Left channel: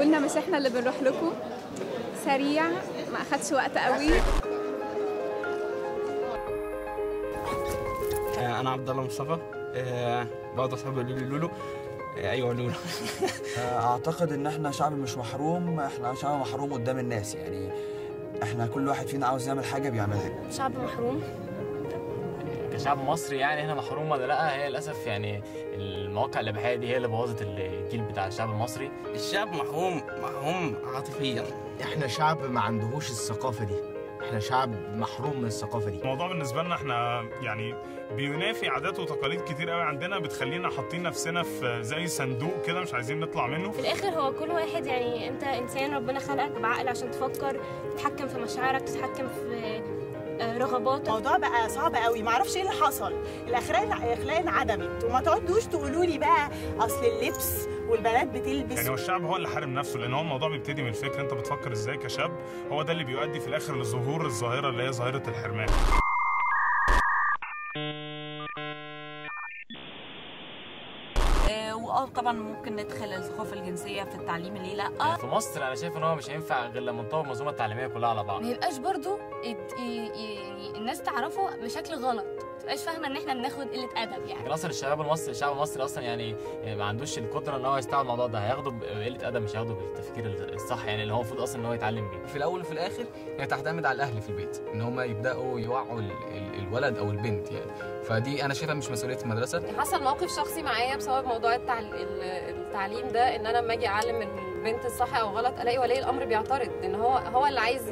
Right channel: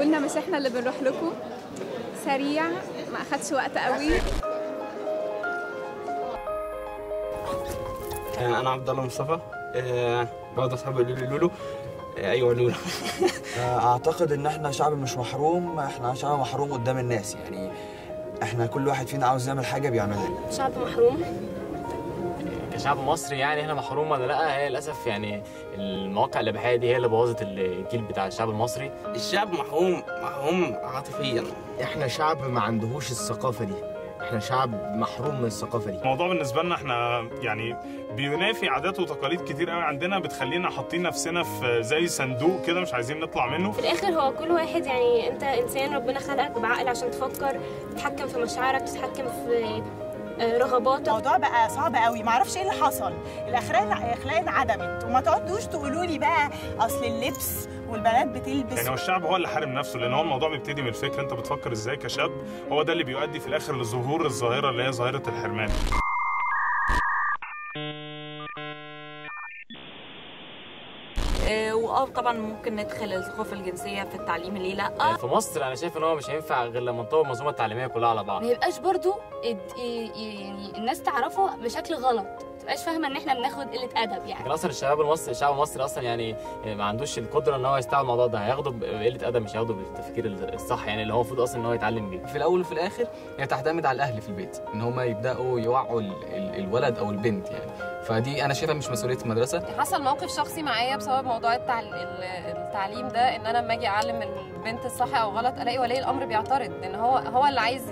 بتجيبوا لنا مش احنا اللي بنروح لكم. سريع، ما اخدش وقت قوي. انا عبد الله مصطفى، برضه اصحابي يقولوا لي لولو. ايوه لولو. اعتقد ان احنا شعب مش محروم، احنا شعب محروم قدام الناس، يعني احنا كل واحد فينا عاوز يعمل حاجه بيعملها. شعب محروم كشعب مصري، يعني هنا محروم ولا لا؟ هي للاسف يعني المواقع الاباحيه دي هي اللي بوظت الجيل بتاع الشعب المصري. الشعب محروم عاطفيا. احنا شعب ما عندهوش الثقافه دي، احنا شعب محروم من الثقافه دي. الموضوع بالنسبه لنا احنا يعني بينافي عادات وتقاليد كتير قوي عندنا، بتخلينا حاطين نفسنا في زي صندوق كده مش عايزين نطلع منه. في الاخر هو كل واحد، يعني انت انسان ربنا خلقك بعقل عشان تفكر، تتحكم في مشاعرك، تتحكم في رغباتك. الموضوع بقى صعب قوي، معرفش ايه اللي حصل. الاخلاق انعدمت، وما تقعدوش تقولوا لي بقى اصل اللبس والبنات بتلبس. يعني هو الشعب هو اللي حارم نفسه، لان هو الموضوع بيبتدي من الفكر، انت بتفكر ازاي كشاب، هو ده اللي بيؤدي في الاخر لظهور الظاهره اللي هي ظاهره الحرمان. طبعا ممكن ندخل الثقافه الجنسيه في التعليم، ليه لا؟ في مصر انا شايف ان هو مش هينفع غير لما نطور المنظومه التعليميه كلها على بعض. ما يبقاش برضو يعني الناس تعرفه بشكل غلط، ما تبقاش فاهمه ان احنا بناخد قله ادب يعني. لكن اصلا الشعب المصري اصلا يعني ما عندوش القدره ان هو يستوعب الموضوع ده، هياخده بقله ادب مش هياخده بالتفكير الصح، يعني اللي هو المفروض اصلا ان هو يتعلم بيه. في الاول وفي الاخر هي تعتمد على الاهل في البيت، ان هم يبداوا يوعوا الولد او البنت يعني. فدي انا شايفها مش مسؤوليه المدرسه. حصل موقف شخصي معايا بسبب موضوع التعليم ده، ان انا لما اجي اعلم البنت الصح او غلط الاقي ولي الامر بيعترض، ان هو اللي عايز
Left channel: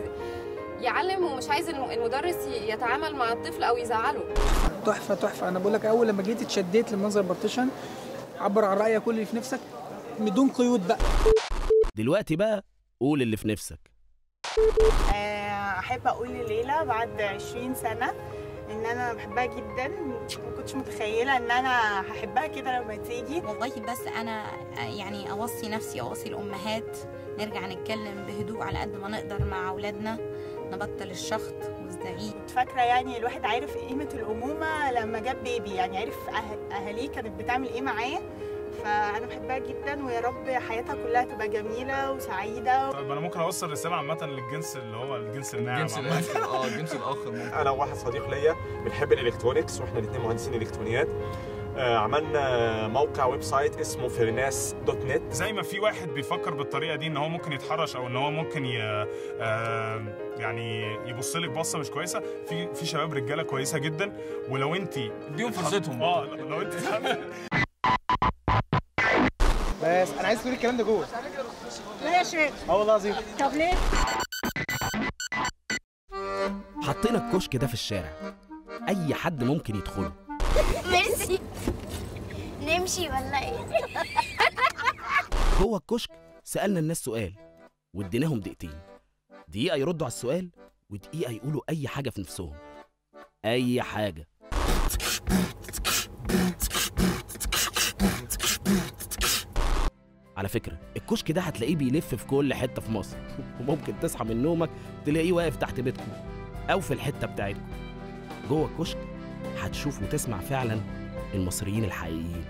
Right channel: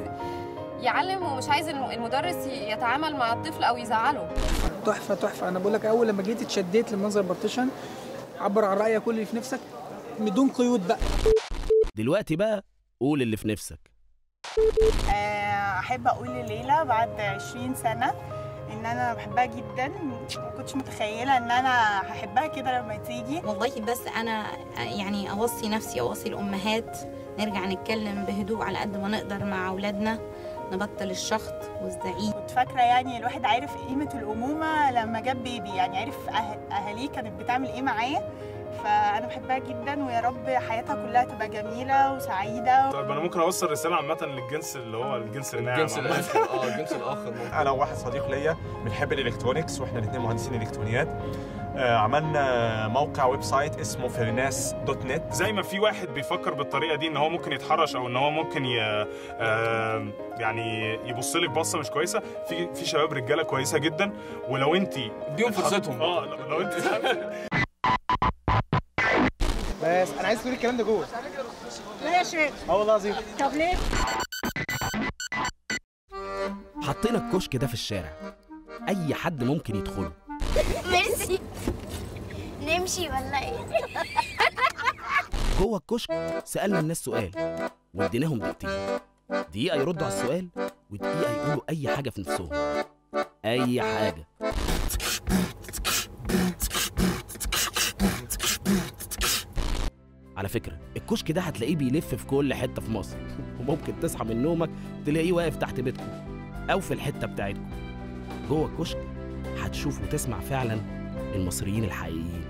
يعلم ومش عايز المدرس يتعامل مع الطفل او يزعله. تحفه تحفه. انا بقول لك اول لما جيت اتشديت لمنظر بارتيشن، عبر عن رايك كل اللي في نفسك بدون قيود بقى. دلوقتي بقى قول اللي في نفسك. احب اقول لليلى بعد 20 سنه ان انا بحبها جدا، ما كنتش متخيله ان انا هحبها كده لما تيجي. والله بس انا يعني اوصي نفسي، اوصي الامهات، نرجع نتكلم بهدوء على قد ما نقدر مع اولادنا، نبطل الشخط والزعيق. كنت فاكره يعني الواحد عارف قيمه الامومه لما جاب بيبي، يعني عارف اهاليه كانت بتعمل ايه معايا. فانا بحبها جدا، ويا رب حياتها كلها تبقى جميله وسعيده. طيب انا ممكن اوصل رساله عامه للجنس اللي هو الجنس الناعم، الجنس الاخر. انا وواحد صديق ليا بنحب الالكترونكس، واحنا الاثنين مهندسين الكترونيات. عملنا موقع ويب سايت اسمه فريناس.net. زي ما في واحد بيفكر بالطريقه دي ان هو ممكن يتحرش او ان هو ممكن يعني يبص لك بصه مش كويسه، في شباب رجاله كويسه جدا، ولو انت اديهم فرصتهم. لو انت بس انا عايز تقولي الكلام ده جوه. لا يا شيخ. والله العظيم. طب ليه؟ حطينا الكشك ده في الشارع، اي حد ممكن يدخله. ميرسي. نمشي ولا ايه؟ جوه الكشك سالنا الناس سؤال واديناهم دقيقتين، دقيقه يردوا على السؤال ودقيقه يقولوا اي حاجه في نفسهم، اي حاجه. على فكرة الكشك ده هتلاقيه بيلف في كل حتة في مصر، وممكن تصحى من نومك تلاقيه واقف تحت بيتكم أو في الحتة بتاعتكم. جوه الكشك هتشوف وتسمع فعلا المصريين الحقيقيين.